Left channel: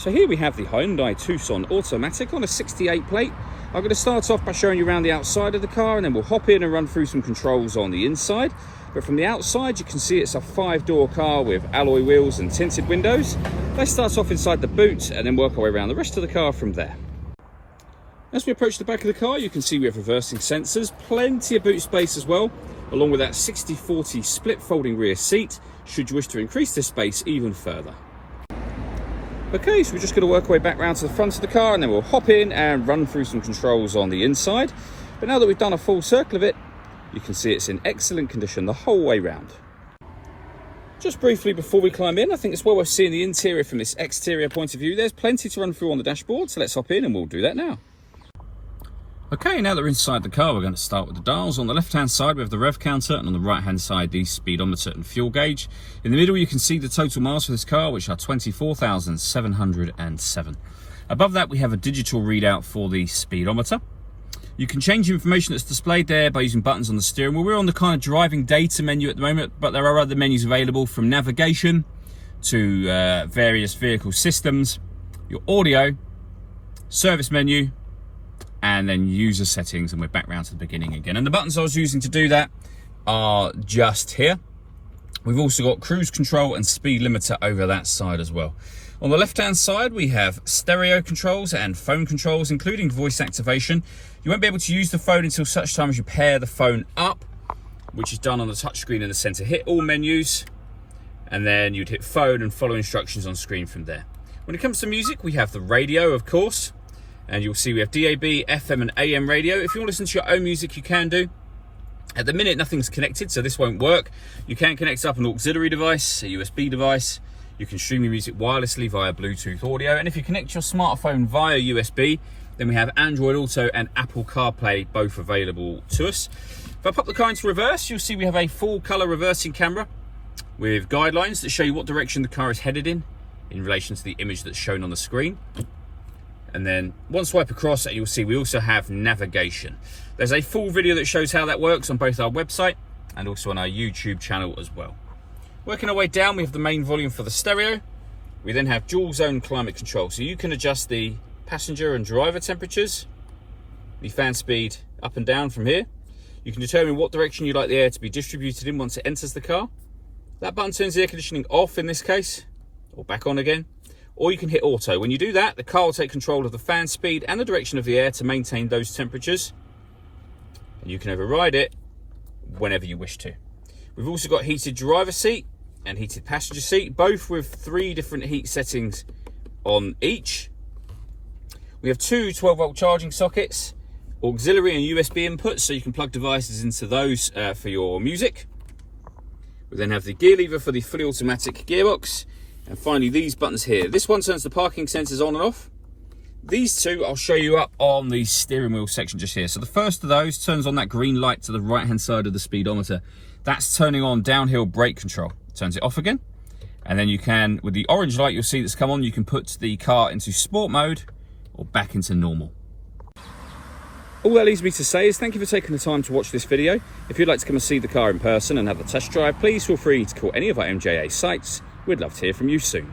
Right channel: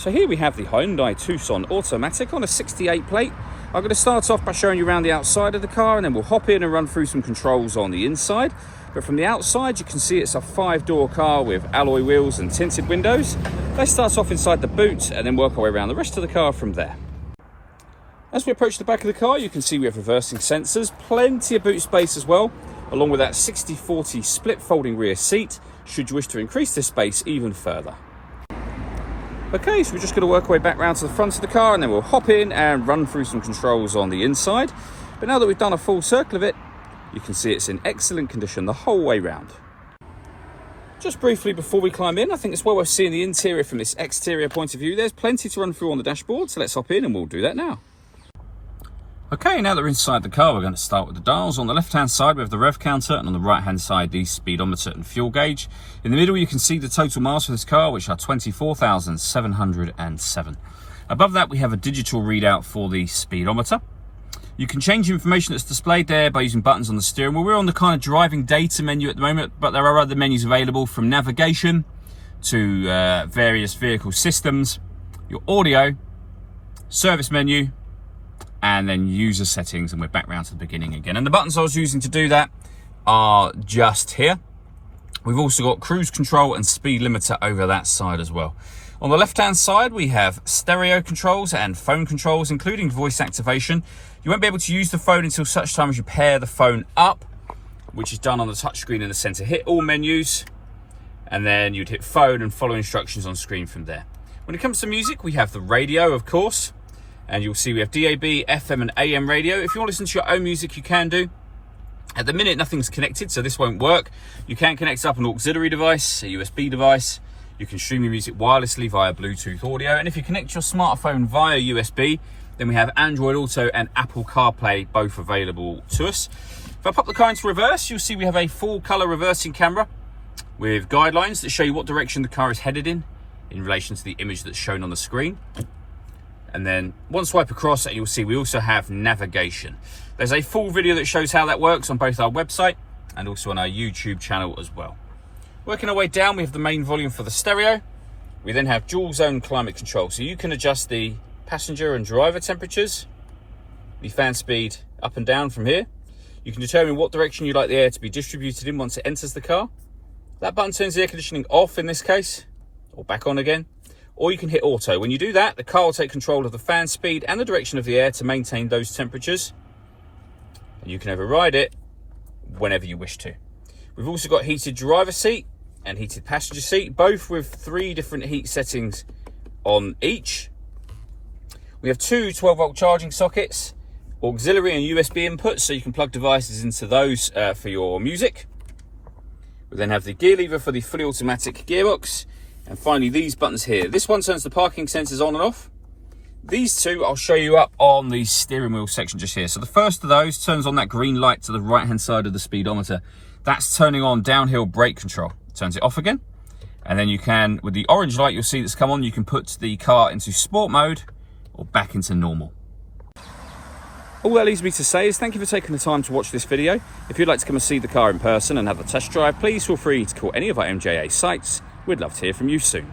So here we have the Hyundai Tucson automatic on a 68 plate. I'm going to start off by showing you around the outside of the car, and then we'll hop in and run through some controls on the inside. But from the outside, you can see it's a 5-door car with alloy wheels and tinted windows. Let's start off inside the boot and then work our way around the rest of the car from there. As we approach the back of the car, you can see we have reversing sensors, plenty of boot space as well, along with that 60/40 split folding rear seat, should you wish to increase this space even further. Okay, so we're just going to work our way back round to the front of the car, and then we'll hop in and run through some controls on the inside. But now that we've done a full circle of it, you can see it's in excellent condition the whole way round. Just briefly before we climb in, I think it's well worth seeing the interior from this exterior point of view. There's plenty to run through on the dashboard, so let's hop in and we'll do that now. Okay, now that we're inside the car, we're going to start with the dials. On the left-hand side, we have the rev counter, and on the right-hand side, the speedometer and fuel gauge. In the middle, you can see the total miles for this car, which are 24,707. Above that, we have a digital readout for the speedometer. You can change the information that's displayed there by using buttons on the steering wheel. We're on the kind of driving data menu at the moment, but there are other menus available, from navigation to various vehicle systems, your audio, service menu, and then user settings, and we're back round to the beginning again. And the buttons I was using to do that are just here. We've also got cruise control and speed limiter over that side as well. On the left-hand side, we have stereo controls and phone controls, including voice activation. You won't be able to use the phone until such time as you pair the phone up, which is done on the touchscreen in the center. Hit all menus, and then you'd hit phone and follow instructions on screen from there. When it comes to music, we have the radio, of course. And you'll see we have DAB, FM and AM radio. If you want to listen to your own music, you can do. At the minute, nothing's connected, so this won't work. You can connect up an auxiliary device, a USB device. You can stream your music wirelessly via Bluetooth audio. And if you connect your smartphone via USB, then we have Android Auto and Apple CarPlay, both available to us. If I pop the car into reverse, you'll see we have a full color reversing camera with guidelines that show you what direction the car is headed in relation to the image that's shown on the screen. And then one swipe across, and you'll see we also have navigation. There's a full video that shows how that works on both our website and also on our YouTube channel as well. Working our way down, we have the main volume for the stereo. We then have dual zone climate control, so you can adjust the passenger and driver temperatures, the fan speed up and down from here. You can determine what direction you'd like the air to be distributed in once it enters the car. That button turns the air conditioning off in this case, or back on again. Or you can hit auto. When you do that, the car will take control of the fan speed and the direction of the air to maintain those temperatures. And you can override it whenever you wish to. We've also got heated driver seat and heated passenger seat, both with 3 different heat settings on each. We have 2 12-volt charging sockets, auxiliary and USB inputs, so you can plug devices into those for your music. We then have the gear lever for the fully automatic gearbox. And finally, these buttons here. This one turns the parking sensors on and off. These two I'll show you up on the steering wheel section just here. So the first of those turns on that green light to the right-hand side of the speedometer. That's turning on downhill brake control. Turns it off again. And then you can, with the orange light you'll see that's come on, you can put the car into sport mode or back into normal. All that leaves me to say is thank you for taking the time to watch this video. If you'd like to come and see the car in person and have a test drive, please feel free to call any of our MJA sites. We'd love to hear from you soon.